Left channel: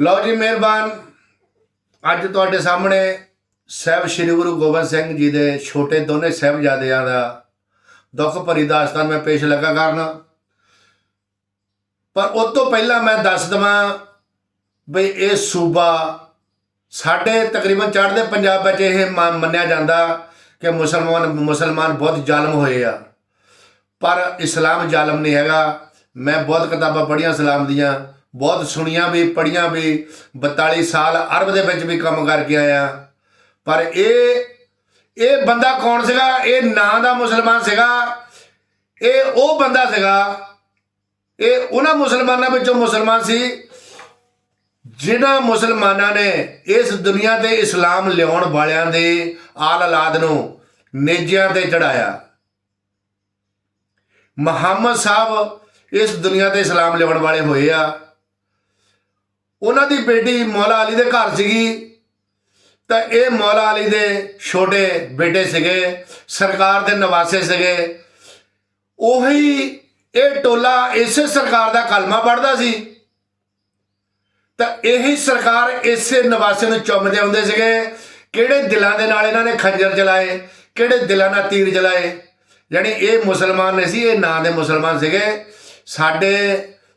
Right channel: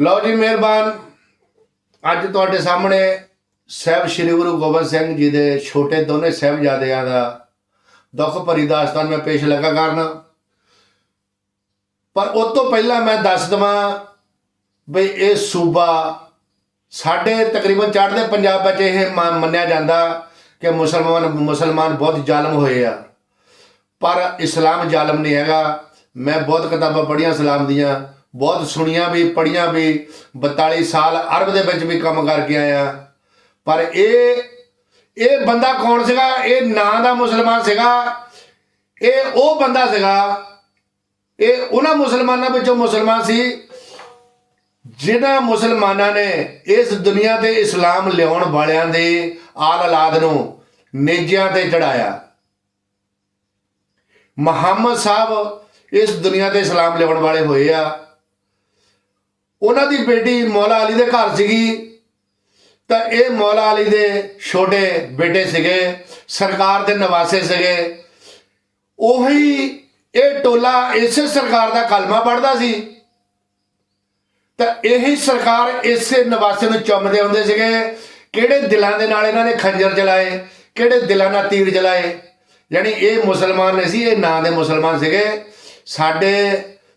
ਲਓ ਜੀ ਮਿਹਰਬਾਨ। ਅੱਜ ਤੁਹਾਡੇ ਸਾਹਮਣੇ ਸਹਿਬ ਸ੍ਰੀ ਗੁਰੂ ਗੋਬਿੰਦ ਸਿੰਘ ਜੀ ਦੇ ਛੋਟੇ ਦੋਨੇ ਸਾਹਿਬਜ਼ਾਦਿਆਂ ਦਾ ਦੁੱਖ ਭਰੀ ਦਾਸਤਾਨ ਮੈਂ ਪੇਸ਼ ਲੱਗਾ ਕਰਨਾ। ਪਰ ਉਸ ਤੋਂ ਪਹਿਲਾਂ ਮੈਂ ਦੱਸ ਦਵਾਂ ਬਈ ਇਹ ਸੂਬਾ ਸਾਡੇ ਤਕਰੀਬਨ ਚੜ੍ਹਦੇ ਪੰਜਾਬ ਵਿੱਚ ਇਹ ਮ- ਮੰਨਿਆ ਜਾਂਦਾ ਕਿ ਮੁਸਲਮਾਨ ਮੁਸਲਮਾਨ ਬਹੁਤ ਜ਼ਾਲਮ ਹੋਏ ਆ। ਪਰ ਇਸਲਾਮ ਜ਼ਾਲਮ ਨਹੀਂ ਹੈਗਾ। ਮੈਂ ਬਹੁਤ ਕਿਤਾਬਾਂ ਪੜ੍ਹੀਆਂ ਇਸਲਾਮ ਦੀਆਂ। ਬਹੁਤ ਸੁਣੀਆਂ ਵੀ, ਪੜ੍ਹੀਆਂ ਵੀ 42 ਸਾਲ ਅਰਬ ਦੇ ਵਿੱਚ ਵੀ ਕੰਮ ਕਰਕੇ ਆਇਆ। ਪਰ ਇਹ ਇਹ ਬੰਦਾ ਕੌਣ ਸੀਗਾ? ਇਹ ਨਾਂ ਦਾ ਮੁਸਲਮਾਨ ਸੀਗਾ। ਇਹ ਉਹ ਬੰਦਾ ਸੀਗਾ, ਇਹ ਉਹਨਾਂ ਮੁਸਲਮਾਨਾਂ ਵਿੱਚੋਂ ਮੁਸਲਮਾਨ ਸੀ ਜਿਨ੍ਹਾਂ ਮੁਸਲਮਾਨਾਂ ਨੇ ਇਸ ਦੁਨੀਆ ਤੇ ਇਸਲਾਮ ਲਿਆਉਣ ਵਾਲਿਆਂ ਦੇ ਆਲ ਔਲਾਦ ਨੂੰ ਨੇਜਿਆਂ ਤੇ ਚੜਾਇਆ ਮੁਹੰਮਦ ਸਾਹਿਬ ਇਸ ਦੁਨੀਆ ਤੇ ਇਸਲਾਮ ਲਿਆਉਣ ਵਾਲੇ ਹੋਏ ਆ। ਉਹਨਾਂ ਦੀ ਬੇਟੀ ਮੌਲਾ ਅਲੀ ਦੇ ਘਰ ਸੀਗੀ। ਤਾਂ ਇਹ ਮੌਲਾ ਅਲੀ ਦੇ ਛੋਟੇ ਬੇਟੇ ਸੀਗੇ, ਸਰਕਾਰ ਦੇ ਨਵਾਸੇ ਸੀਗੇ। ਉਹੀ ਇਹ ਟੋਲਾ ਇਸੇ ਸਰਕਾਰ ਦਾ ਕਲਮਾ ਪੜਦਾ ਸੀ। ਤਾਂ ਇਹੀ ਸਰਕਾਰ ਇਸੇ ਨਵਾਸੇ ਨੂੰ ਚੁੰਮਦੇ ਹੁੰਦੇ ਸੀਗੇ। ਕਿਹੜੇ ਦਿਲਾਂ ਦੇ ਨਾਲ ਇਹਨਾਂ ਨੇ ਖੰਜਰ ਚਲਾਏ ਕਿਹੜੇ ਦਿਲਾਂ ਨਾਲ ਤੀਰ ਚਲਾਏ ਯਾਨੀ ਇਹ ਮੁਸਲਮਾਨ ਨਹੀਂ ਸੀ, ਇਹ ਨਾਂ ਦੇ ਮੁਸਲਮਾਨ ਸੀਗੇ। ਸਾਡੇ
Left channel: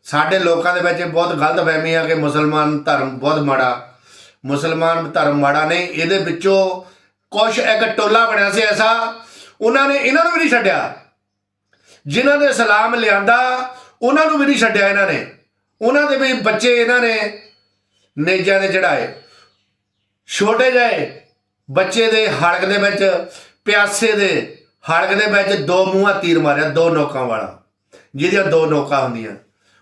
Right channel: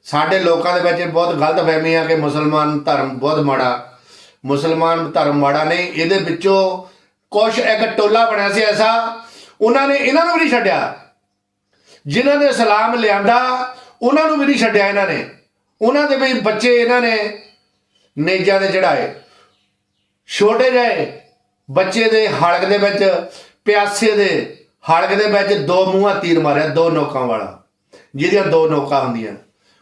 ਸਾਡੇ ਲੋਕਾਂ ਦੇ ਵਿੱਚ ਬਹੁਤ ਗਲਤ ਫਹਿਮੀ ਆ ਕਿ ਮੁਸਲਮਾਨ ਧਰਮ ਬਹੁਤ ਮਾੜਾ। ਮੁਸਲਮਾਨ ਧਰਮ ਮਾੜਾ ਨਹੀਂ, ਇਹਦੇ ਵਿੱਚੋਂ ਕੁਝ ਇੱਕ ਟੋਲਾ ਬਣਿਆ ਸੀ ਐਸਾ, ਉਹਨਾਂ ਨੇ ਇਹਨਾਂ ਨੂੰ ਵੀ ਨਹੀਂ ਛੱਡਿਆ। ਜਿਨ੍ਹਾਂ ਨੇ ਇਸਲਾਮ ਲਿਆਂਦਾ, ਉਹਨਾਂ ਨੂੰ ਵੀ ਨਹੀਂ ਛੱਡਿਆ ਇਹਨਾਂ ਨੇ। ਉਹਨਾਂ ਦੇ ਵੀ ਬੱਚੇ ਇਹਨਾਂ ਨੇ ਨੇਜਾਂ ਦੇ ਚੜਾਏ ਛੋਟੇ ਜਿਹੇ ਬੱਚੇ ਦੇ ਹਲਕ ਦੇ ਵਿੱਚ, ਪਿਆਸੇ ਦੇ ਹਲਕ ਦੇ ਵਿੱਚ ਦੋ ਮੂੰਹਾਂ ਤੀਰ ਮਾਰਿਆ, ਦੋ ਨੋਕਾਂ ਵਾਲਾ, ਜਿਹਦੀਆਂ ਦੋ ਨੋਕਾਂ ਹੁੰਦੀਆਂ।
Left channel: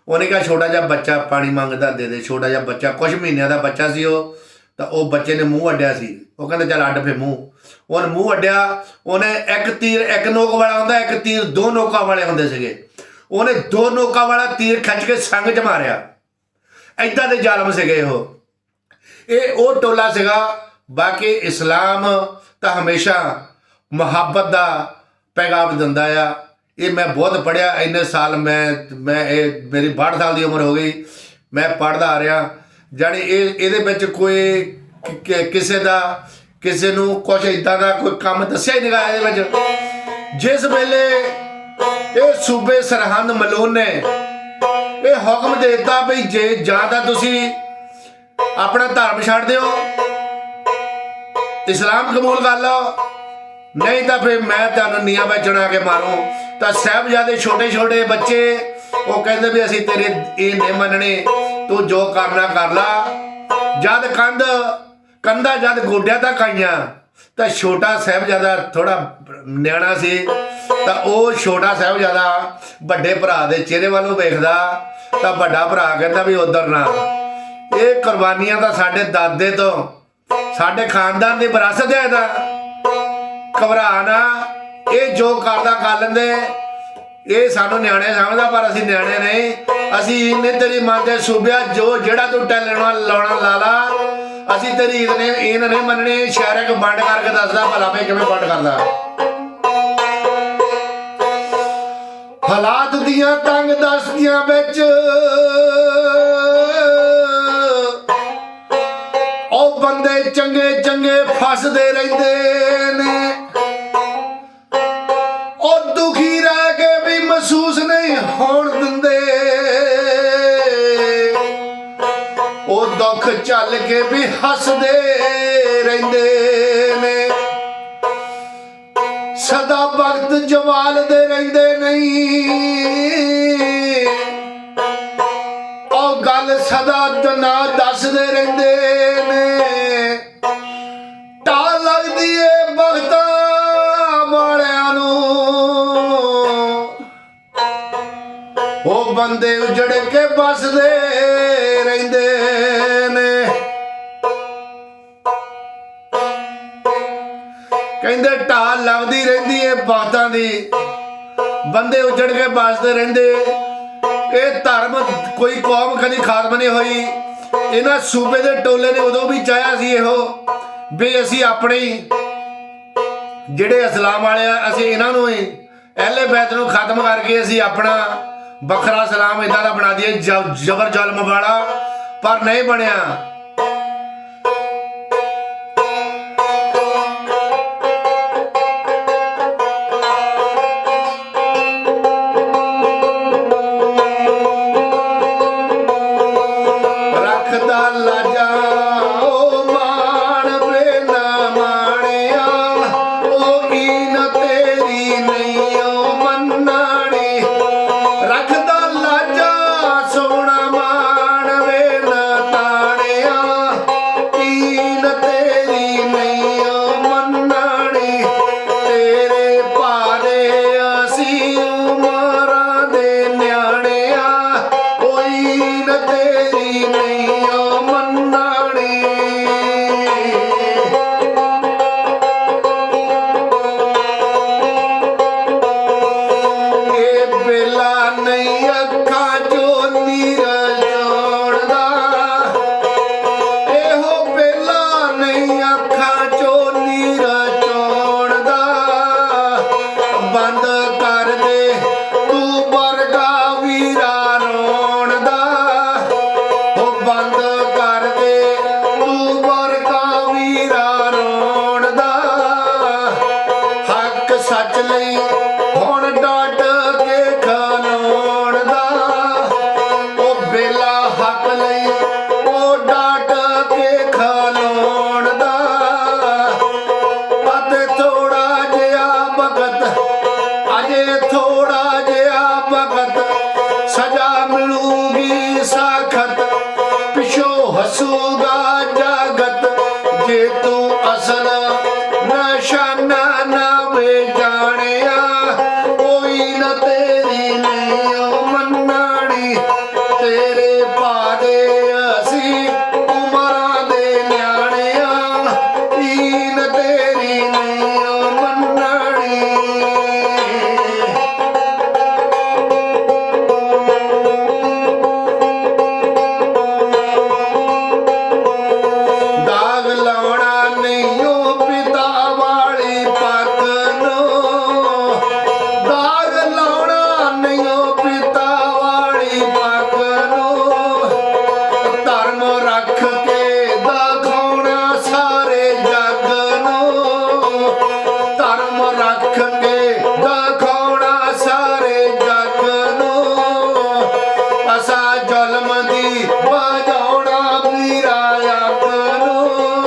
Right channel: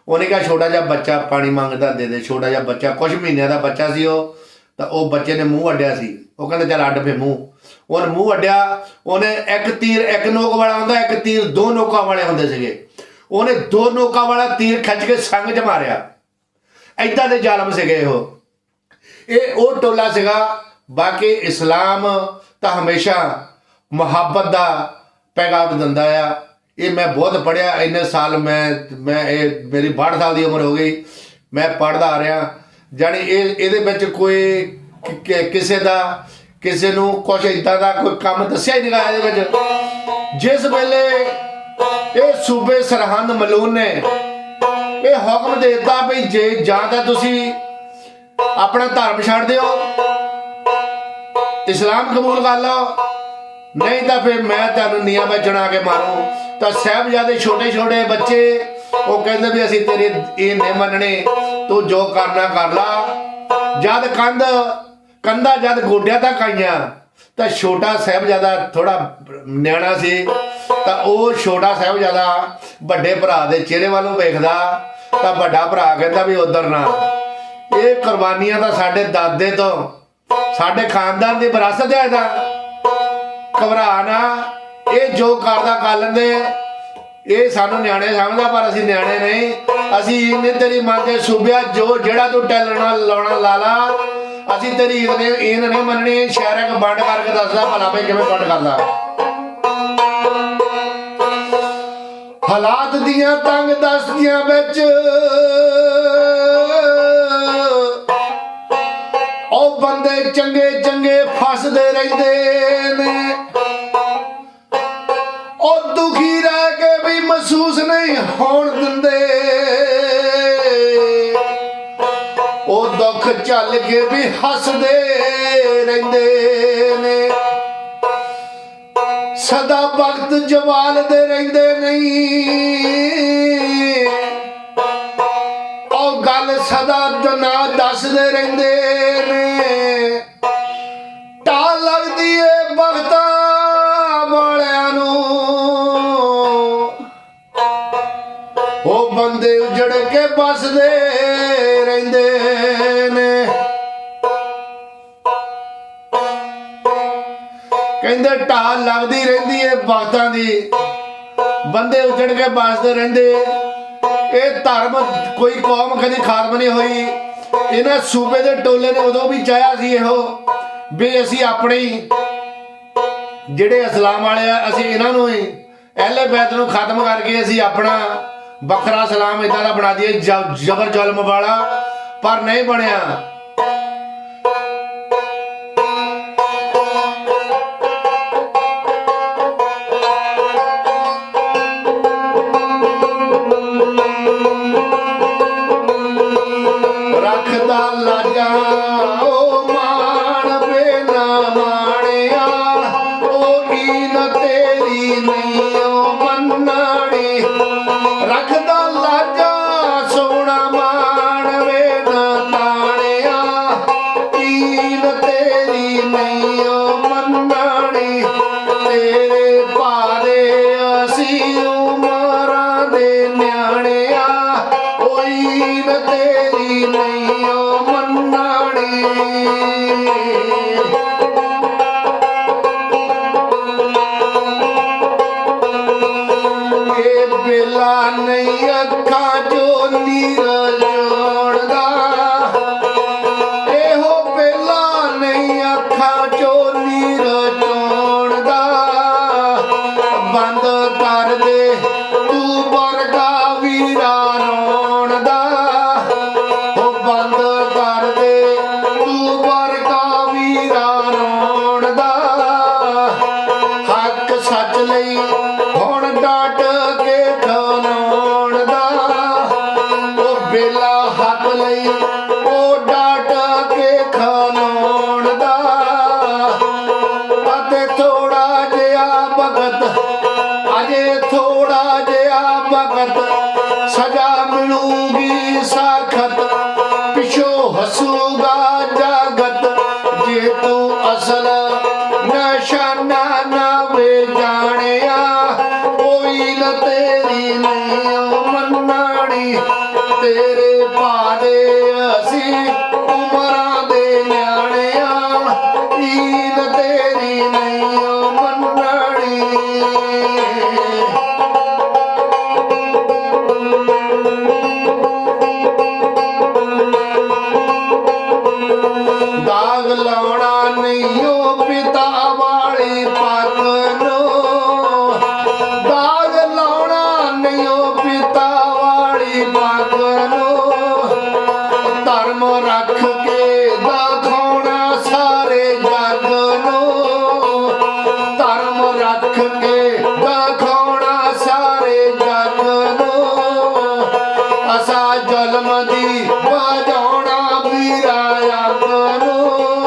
ਉਹਨੇ ਕਿਹਾ ਛੋਟਾ ਜਿਹਾ ਬੱਚਾ ਪਾਣੀ ਮੰਗਦਾ ਦੇ ਦੇ, ਛੋਟਾ ਜਿਹਾ ਬੱਚਾ। ਕੁਝ ਮਹੀਨਿਆਂ ਦਾ ਬੱਚਾ ਸੀ ਉਹ, ਤਾਂ ਉਹ ਬੱਚੇ ਨੇ ਮੂੰਹ ਅੱਡਿਆ ਸੀ। ਉਹ ਕਹਿੰਦਾ, ਚੱਲ ਅੱਡ ਫੇ ਮੂੰਹ। ਉਹਨੇ ਮੂੰਹ ਅੱਡਿਆ ਉਹਨੇ ਇੱਕ ਤੀਰ, ਇੱਕ ਨੋਕ ਵਾਲਾ ਹੁੰਦਾ, ਇੱਕ ਤੀਰ ਦੋ ਨੋਕਾਂ ਵਾਲੇ ਹੁੰਦੇ ਸੀਗੇ। ਉਹਨੇ ਦੋ ਨੋਕਾਂ ਵਾਲਾ ਤੀਰ ਖੱਚ ਕੇ ਸੰਗ 'ਚ ਮਾਰਿਆ। ਐਦਾਂ ਦੇ ਜ਼ਾਲਮ ਸੀਗੇ ਉਹ। ਇਹ ਉਹ ਟੋਲਾ ਸੀਗਾ, ਬਾਕੀ ਇਸਲਾਮ ਤਾਂ ਹਮੇਸ਼ਾ ਮੁਹੱਬਤ ਦਾ ਪੈਗਾਮ ਦਿੰਦਾ ਆ। ਇਹ ਮੈਂ ਬਹੁਤ ਪੜਿਆ ਇੰਨੇ ਸਾਲ ਮੈਂ ਮੈਂ ਇਹ ਮੇਰੀ 62 ਸਾਲ ਦੀ ਉਮਰ ਹੋ ਗਈ, ਮੈਂ ਪੜਦਾ ਆ ਰਿਹਾ। ਜਾਣੀ ਇਹ, ਇਹਦੇ ਵਿੱਚ ਕੋਈ ਕਿਸੇ ਦਾ, ਕਿਸੇ ਨੂੰ ਕੁਝ ਇਦਾਂ ਦਾ ਕੋਈ ਕੰਮ ਦੱਸਿਆ ਹੀ ਨਹੀਂ ਇਹਦੇ ਵਿੱਚ। ਜਿਸ ਵੇਲੇ ਇਹ ਸੂਬੇ ਸਰਹੰਦ ਮਲੂਨ ਨੇ, ਇਹ ਹੁਕਮ ਦੇ ਦਿੱਤਾ ਵੀ ਜੇ ਜਾਂ ਤਾਂ ਤੁਸੀਂ ਆਪਣਾ ਧਰਮ ਛੱਡ ਦਿਓ, ਇਸਲਾਮ ਕਬੂਲ ਕਰ ਲਓ, ਨਹੀਂ ਤਾਂ ਫਿਰ ਮੈਂ ਤੁਹਾਨੂੰ ਨੀਆਂ ਵਿੱਚ ਚਣਾ ਕੇ ਮਾਰੂ। ਤਾਂ ਸਾਹਿਬਜ਼ਾਦੇ ਛੋਟੇ ਛੋਟੇ ਬੱਚੇ, ਉਹ ਕਹਿੰਦੇ ਵੀ ਅਸੀਂ ਤੇਰੇ ਇਹ ਨਹੀਂ ਮੰਨਣੇ, ਤੂੰ ਜੋ ਕਰਨਾ ਕਰ ਲਾ। ਜਦ ਕੰਧ, ਕੰਧਾ ਜਦ ਗੋਡਿਆਂ ਤੱਕ ਆਈਆਂ, ਤਾਂ ਛੋਟਾ ਸਾਹਿਬਜ਼ਾਦਾ ਥੋੜਾ ਨਿਆਣਾ ਸੀ, ਤਾਂ ਉਹ ਛੋਟਾ ਸਾਹਿਬਜ਼ਾਦਾ ਵੱਡੇ ਭਰਾ ਦੇ ਚਿਹਰੇ ਵੱਲੋਂ ਵੇਖਦਾ, ਤਾਂ ਵੱਡਾ ਭਰਾ ਕਹਿੰਦਾ ਵੀ ਉਧਰ ਨਾ। ਇਹ ਕੁਰਬਾਨੀਆਂ ਤਾਂ ਸਾਡੇ ਦਾਦੇ ਤੋਂ, ਸਾਡੇ ਖਾਨਦਾਨ ਦੀ ਵਿਰਾਸਤ ਹੈ ਇਹਦਾ। ਘਬਰਾ ਨਾ। ਇਹ ਜੋ ਕਰਦਾ ਕਰ ਲੈਂਦੇ। ਇਹ ਸਾਨੂੰ ਨਿਆਣੇ ਸਮਝਦਾ, ਪਰ ਅਸੀਂ ਨਿਆਣੇ ਨਹੀਂ। ਅਸੀਂ ਇਹਨੇ ਤੇਰੀ ਮੰਨਦੇ ਸੂਬਿਆ, ਜੋ ਜਿਹੜਾ ਤੂੰ ਟੈਲਣਾ ਲਾਉਣਾ ਲਾ ਅਸੀਂ ਤੇਰੀ ਇਹਨੇ ਇਹ ਨਹੀਂ ਮੰਨਣੀ। ਸ਼ਹਿਰ ਵੰਡ ਕਰਕੇ ਦੱਸਦਾ, ਭਲਾ ਭਈ ਕਿਵੇਂ ਵੰਡ ਕਰਦਾ। ਹਾਲਾਤ ਦੀਆਂ ਤੰਗ ਦਸਤੀਆਂ ਵਿੱਚ ਉਹ ਬੰਦੇ ਚੰਗੇ ਚੰਗੇ ਫਸਦੇ ਰਹਿੰਦੇ ਨੇ। ਚੱਲ ਕੇ ਵੀ ਹੱਸਦੇ ਰਹਿੰਦੇ ਨੇ। ਸਦਾ ਵਕਤ ਜਵਾਲਦੇ ਰਹਿੰਦੇ ਨਹੀਂ। ਉਹ ਗੱਲ ਸਦਾ ਦਨਾ ਦੱਸਦੇ ਰਹਿੰਦੇ ਨੇ। ਟਾ ਲੱਗਦੀ ਏ ਬਖਤਾਂ ਵਾਲਿਆਂ ਨੂੰ। ਉਹ ਬੰਦੇ ਉਜੜ ਕੇ ਬਸਦੇ ਉੱਜੜਦੇ ਉੱਜੜ ਕੇ ਬਾਸਦੇ ਰਹਿੰਦੇ। ਇਹ ਧਰਮ ਕੋਈ ਕੌਮ ਕਦੀ ਖਾਤਮ ਨਹੀਂ ਹੋਈ। ਇਹਨਾਂ ਸੂਬੇ ਦੇ ਟੋਲੇ ਨੇ ਉਦੋਂ ਵੀ ਚਾਹਿਆ ਸੀ ਇਹੋ ਵੀ ਅਸੀਂ ਆਪਣੇ ਜਿਹੜੇ ਇਸਲਾਮ ਵਾਲੇ ਆ, ਅਸੀਂ ਇਹਨਾਂ ਨੂੰ ਹੀ ਅਹਲੇ ਬੈਤ ਨੂੰ ਖਤਮ ਕਰਕੇ ਅਸੀਂ ਆਪਣਾ ਵੱਖਰਾ ਇਸਲਾਮ ਇਦਾਂ ਦਾ ਬਣਾ ਦਈਏ ਜਬਰ ਜਲਮ ਵਾਲਾ। ਪਰ ਨਹੀਂ ਬਣਿਆ। Now, now we're done. ਫਸਾ ਜ਼ੁਲਮ ਦੀ ਵਜਾਉਣਾ ਵੀਰਾ ਯਾਦ ਨੂੰ।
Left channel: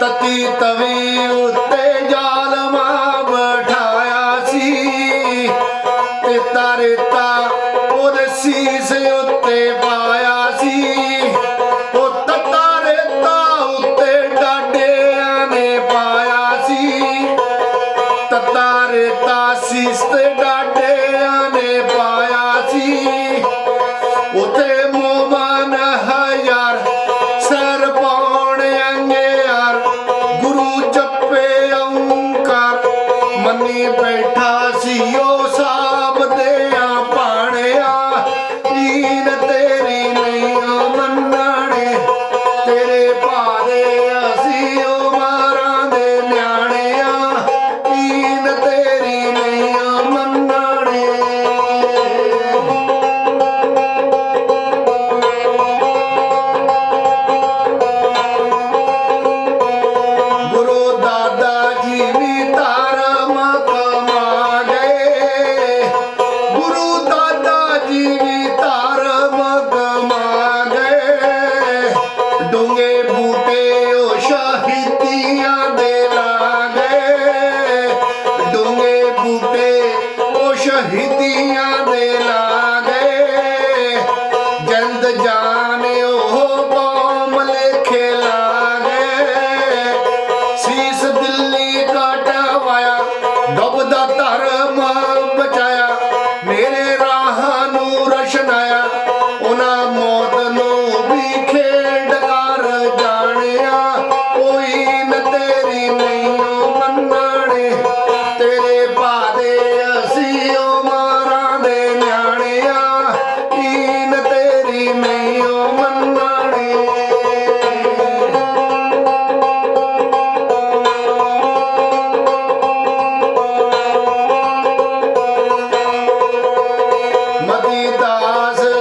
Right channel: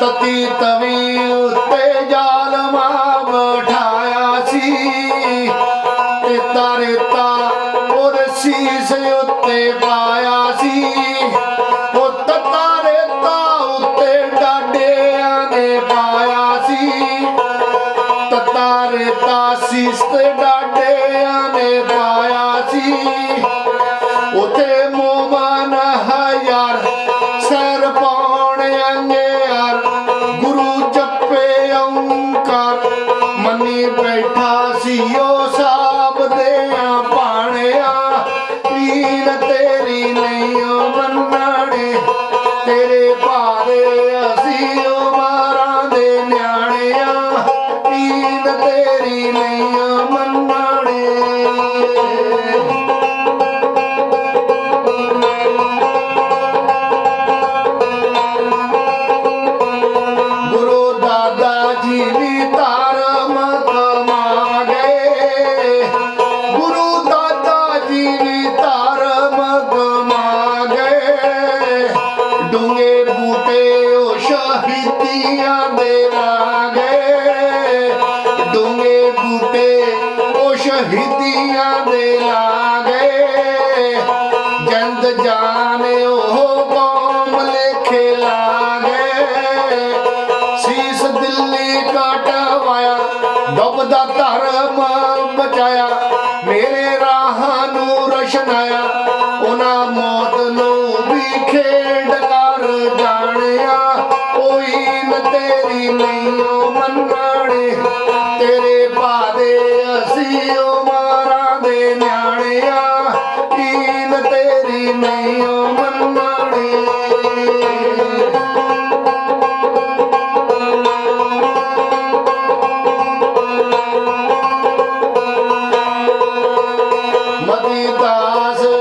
ਤਤੀ ਤਵੀ ਉੱਤੇ ਜਾ Jesus.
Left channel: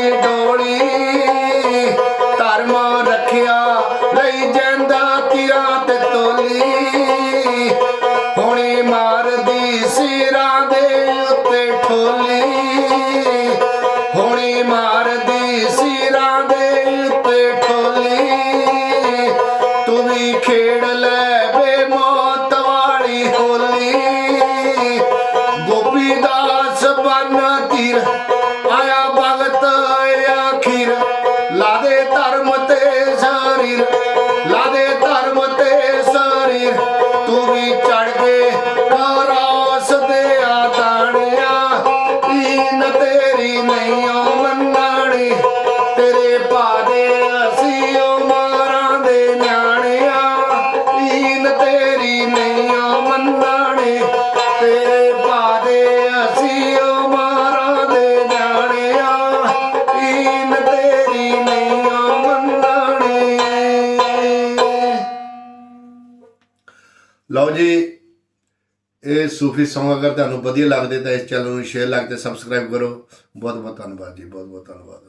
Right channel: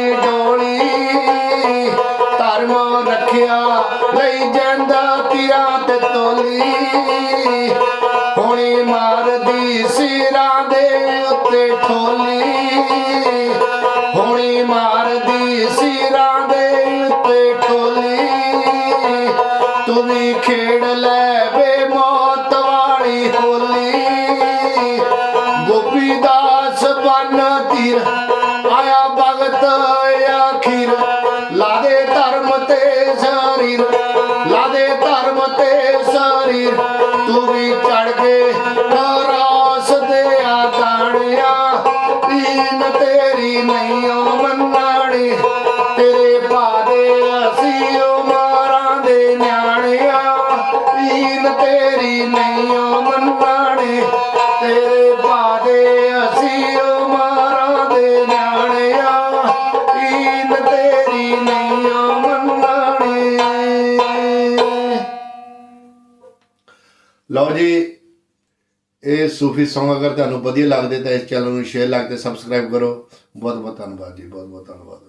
ਦੀ ਡੋਲੀ। ਧਰਮ ਰੱਖਿਆ ਲਈ ਜਾਂਦਾ ਤੀਰਾ ਤੇ ਤੋਲੀ। ਜੀ ਇਹ ਸੂਫੀ ਸੌਂਗ ਅਗਰ ਤੁਹਾਨੂੰ ਵਧੀਆ ਲੱਗਦੇ ਤਾਂ ਇਸ ਚੈਨਲ ਨੂੰ ਸ਼ੇਅਰ ਲਾਈਕ ਤੇ ਸਬਸਕ੍ਰਾਈਬ ਕਰੋ। ਬਹੁਤ ਬਹੁਤ ਧੰਨਵਾਦ ਜੀ ਬਹੁਤ ਬਹੁਤ ਧੰਨਵਾਦ।